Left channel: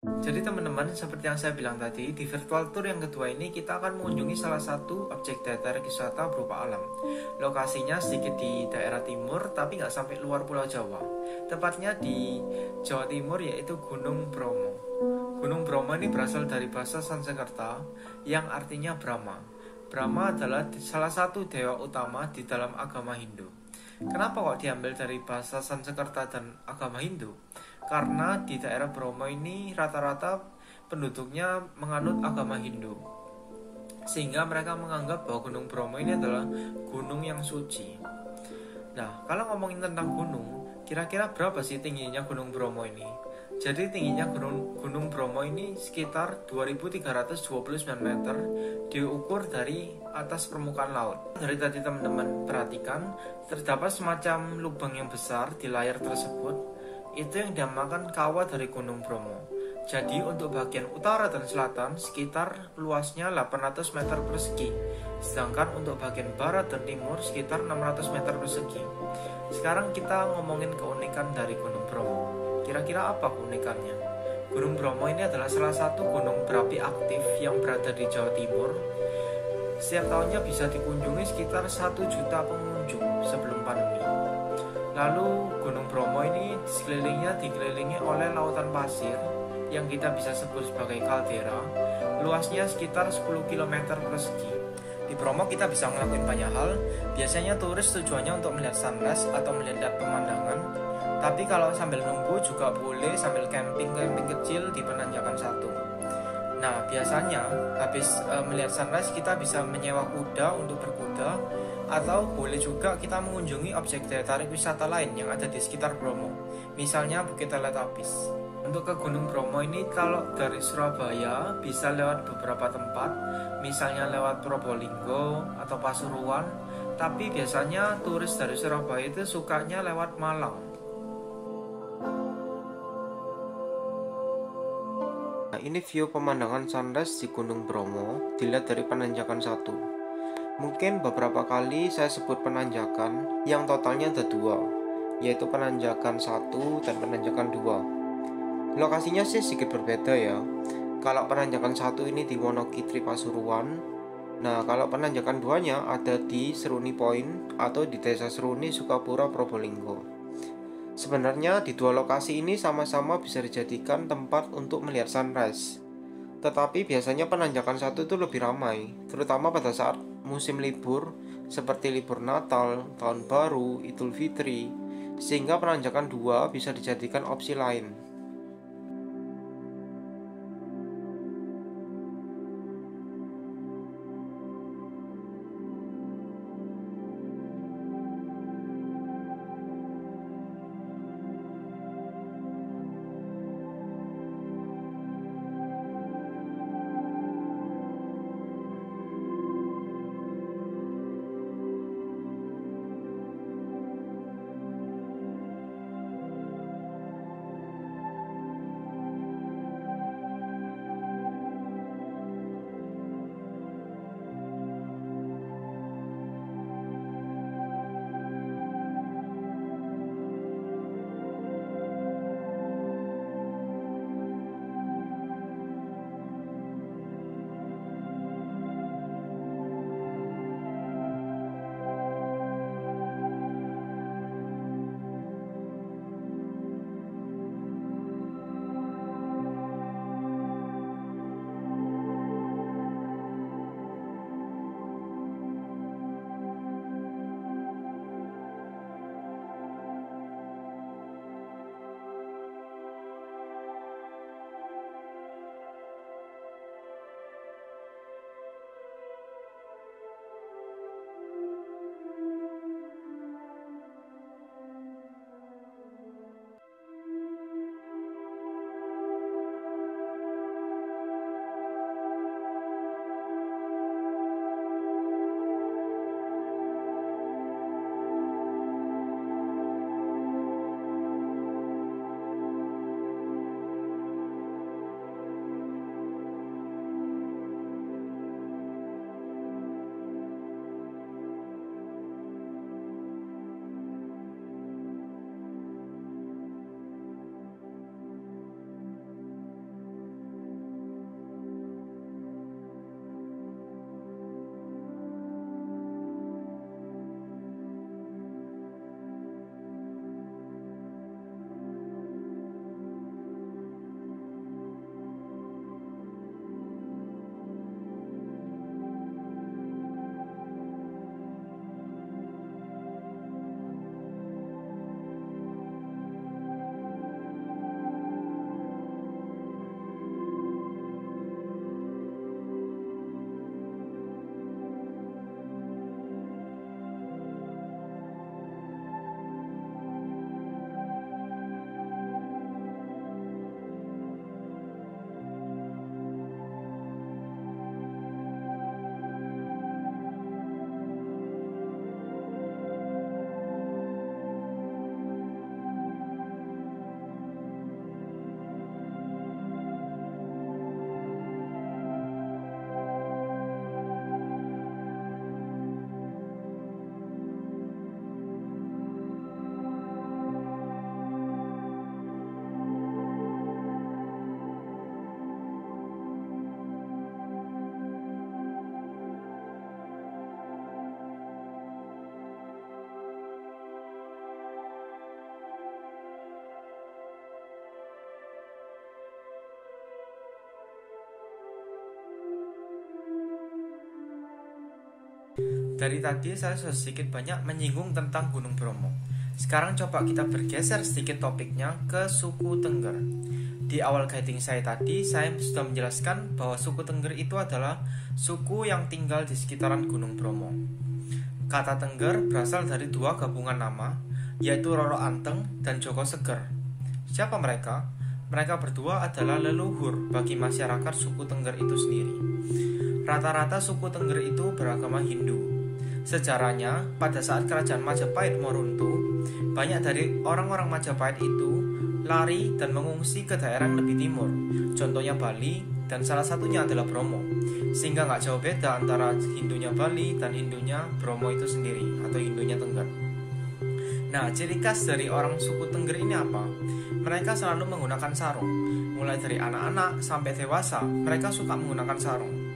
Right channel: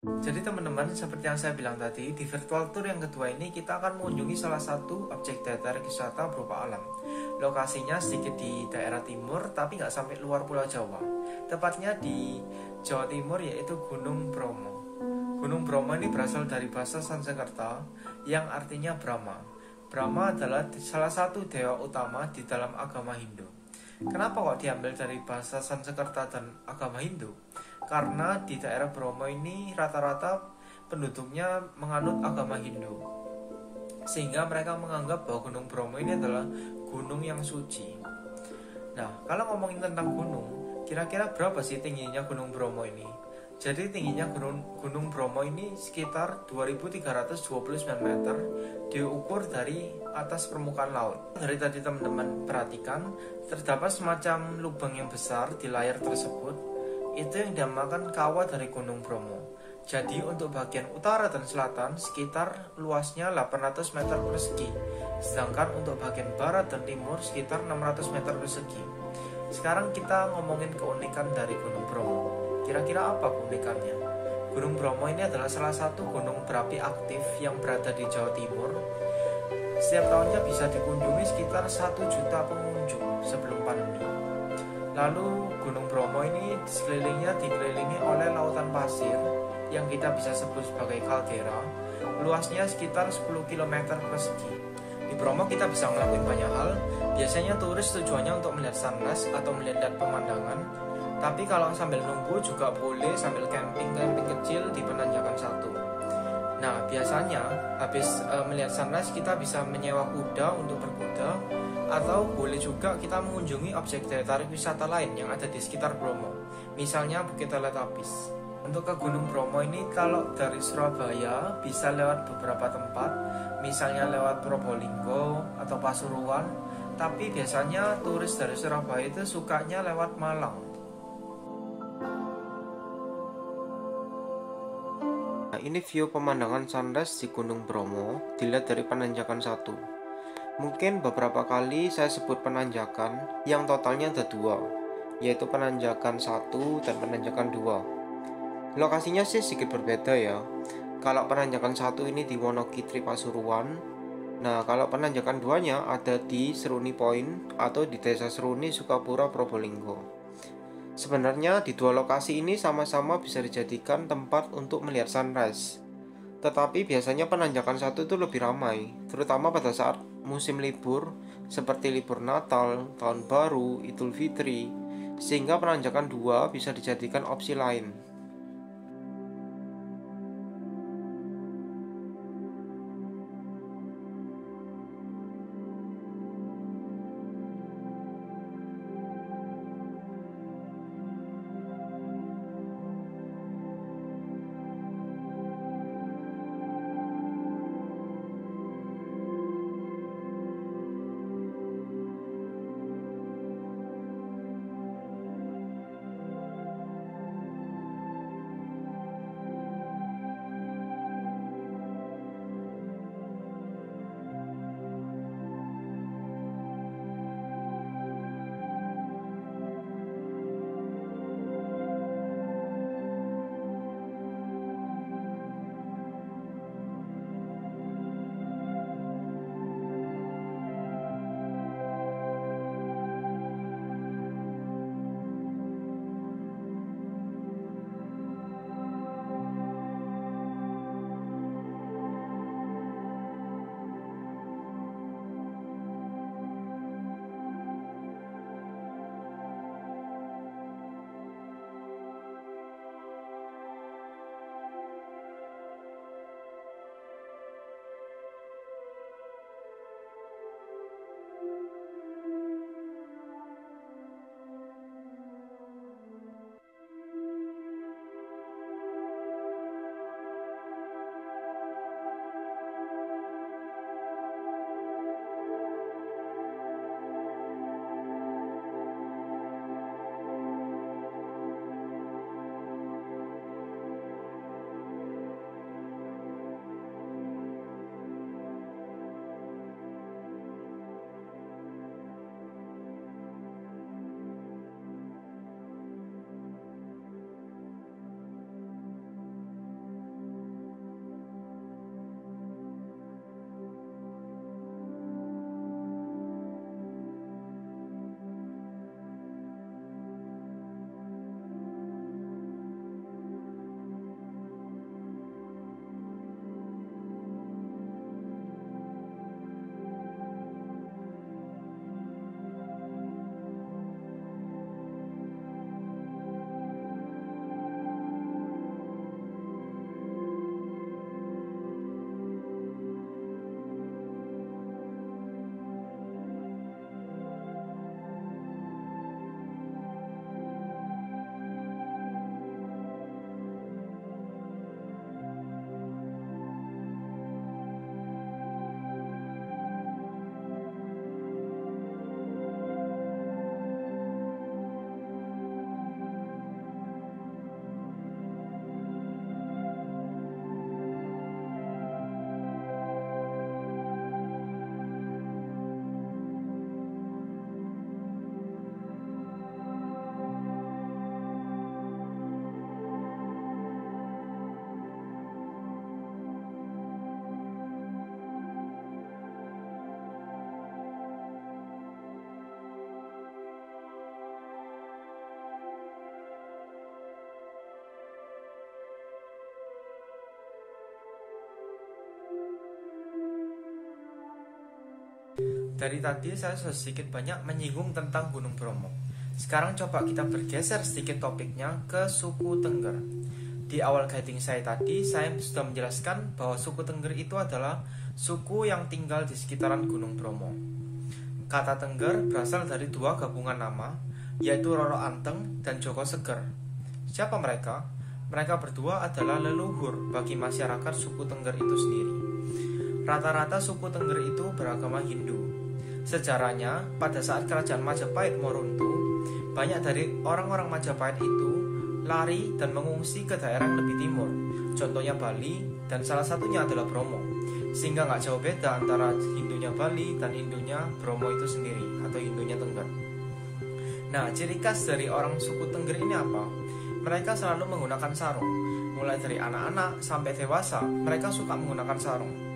Jadi teman-teman, seperti yang saya bilang tadi, di virtual tour yang kedua ini kita akan mengunjungi salah satu objek daya wisata berupa alam. Lokasinya sedikit di daerah timur, tapi nggak sampai luar Pulau Jawa. Tepatnya di Jawa Timur, yaitu Gunung Bromo. Gunung Bromo ini berasal dari bahasa Sanskerta yang artinya Brahma. Brahma adalah salah satu dewa utama di dalam agama Hindu. Kenapa kok diambil dari bahasa Sanskerta dan agama Hindu? Karena di daerah Bromo ini rata-rata penduduknya menganut agama Hindu, sehingga mereka menganggap bahwa Gunung Bromo ini adalah gunung yang suci. Nah, kalau ngomongin tentang gunung, kira-kira berapa sih tingginya Gunung Bromo ini? Jadi tingginya Gunung Bromo ini sekitar 2329 meter diukur dari atas permukaan laut. Dari tadi teman-teman perhatikan, terdapat semacam lubang yang besar di layar tersebut. Itu yang dinamakan kawah dari Gunung Bromo. Jadi untuk bagian utara dan selatan sekitar luasnya 800 meter persegi. Sedangkan untuk bagian barat dan timur sekitar 600 meter persegi. Sekarang kita ngomongin keunikan dari Gunung Bromo. Kira-kira apa keunikannya? Gunung Bromo ini adalah salah satu gunung berapi aktif yang berada di Jawa Timur. Setiap tahunnya bisa dikunjungi sekitar 1 juta pengunjung sebelum pandemi. Lalu Gunung Bromo ini sekelilingnya dikelilingi oleh lautan pasir yang kita bisa sebut sebagai kaldera. Luasnya sekitar 10 km persegi. Di Bromo kita bisa ngelakuin banyak hal. Biasanya turis tujuannya untuk melihat sunrise atau melihat pemandangan. Tapi kalau sambil nunggu juga boleh sambil camping-camping kecil di penanjakan satu. Nah, biasanya habis melihat sunrise kita bisa menyewa kuda untuk berkuda, atau boleh juga kita mengunjungi objek daya tarik wisata lain yang ada di sekitar Bromo, misalnya Bukit Teletubbies. Untuk ke Gunung Bromo ini kalau dari Surabaya bisa lewat beberapa tempat, misalnya lewat Probolinggo atau Pasuruan, tapi biasanya turis dari Surabaya itu sukanya lewat Malang. Nah, ini view pemandangan sunrise di Gunung Bromo dilihat dari penanjakan satu. Mungkin beberapa kali saya sebut penanjakan yang totalnya ada dua, yaitu penanjakan satu dan penanjakan dua. Lokasinya sih sedikit berbeda ya. Kalau penanjakan satu ini di Wonogiri Pasuruan, nah kalau penanjakan duanya ada di Seruni Point atau di Desa Seruni Sukapura Probolinggo. Sebenarnya di dua lokasi ini sama-sama bisa dijadikan tempat untuk melihat sunrise. Tetapi biasanya penanjakan satu itu lebih ramai, terutama pada saat musim libur seperti libur Natal, Tahun Baru, Idul Fitri, sehingga penanjakan dua bisa dijadikan opsi lain. Dari tadi saya sudah sedikit banyak menyinggung tentang Gunung Bromo. Sekarang coba kita bergeser sedikit topiknya ke suku Tengger. Di awal guiding saya tadi, saya sudah menjelaskan bahwa suku Tengger itu adalah suku yang tinggal di sekitaran Gunung Bromo. Kata Tengger berasal dari dua gabungan nama, yaitu Roro Anteng dan Joko Seger. Siapa mereka? Mereka berdua adalah leluhur bagi masyarakat suku Tengger itu sendiri. Rata-rata suku Tengger itu beragama Hindu. Sejarahnya, pada saat kerajaan Majapahit mau runtuh, banyak dari orang-orang Majapahit itu lari dan mengungsi ke daerah yang lebih timur, contohnya Bali, dan salah satunya adalah Bromo. Sehingga nggak jauh beda antara Hindunya Bali dan Hindunya Bromo itu sendiri, atau Hindunya Tengger. Nah, ciri khas dari orang suku Tengger ini apa? Mereka selalu menggunakan sarung. Mulai dari anak-anak sampai dewasa, mereka suka menggunakan sarung.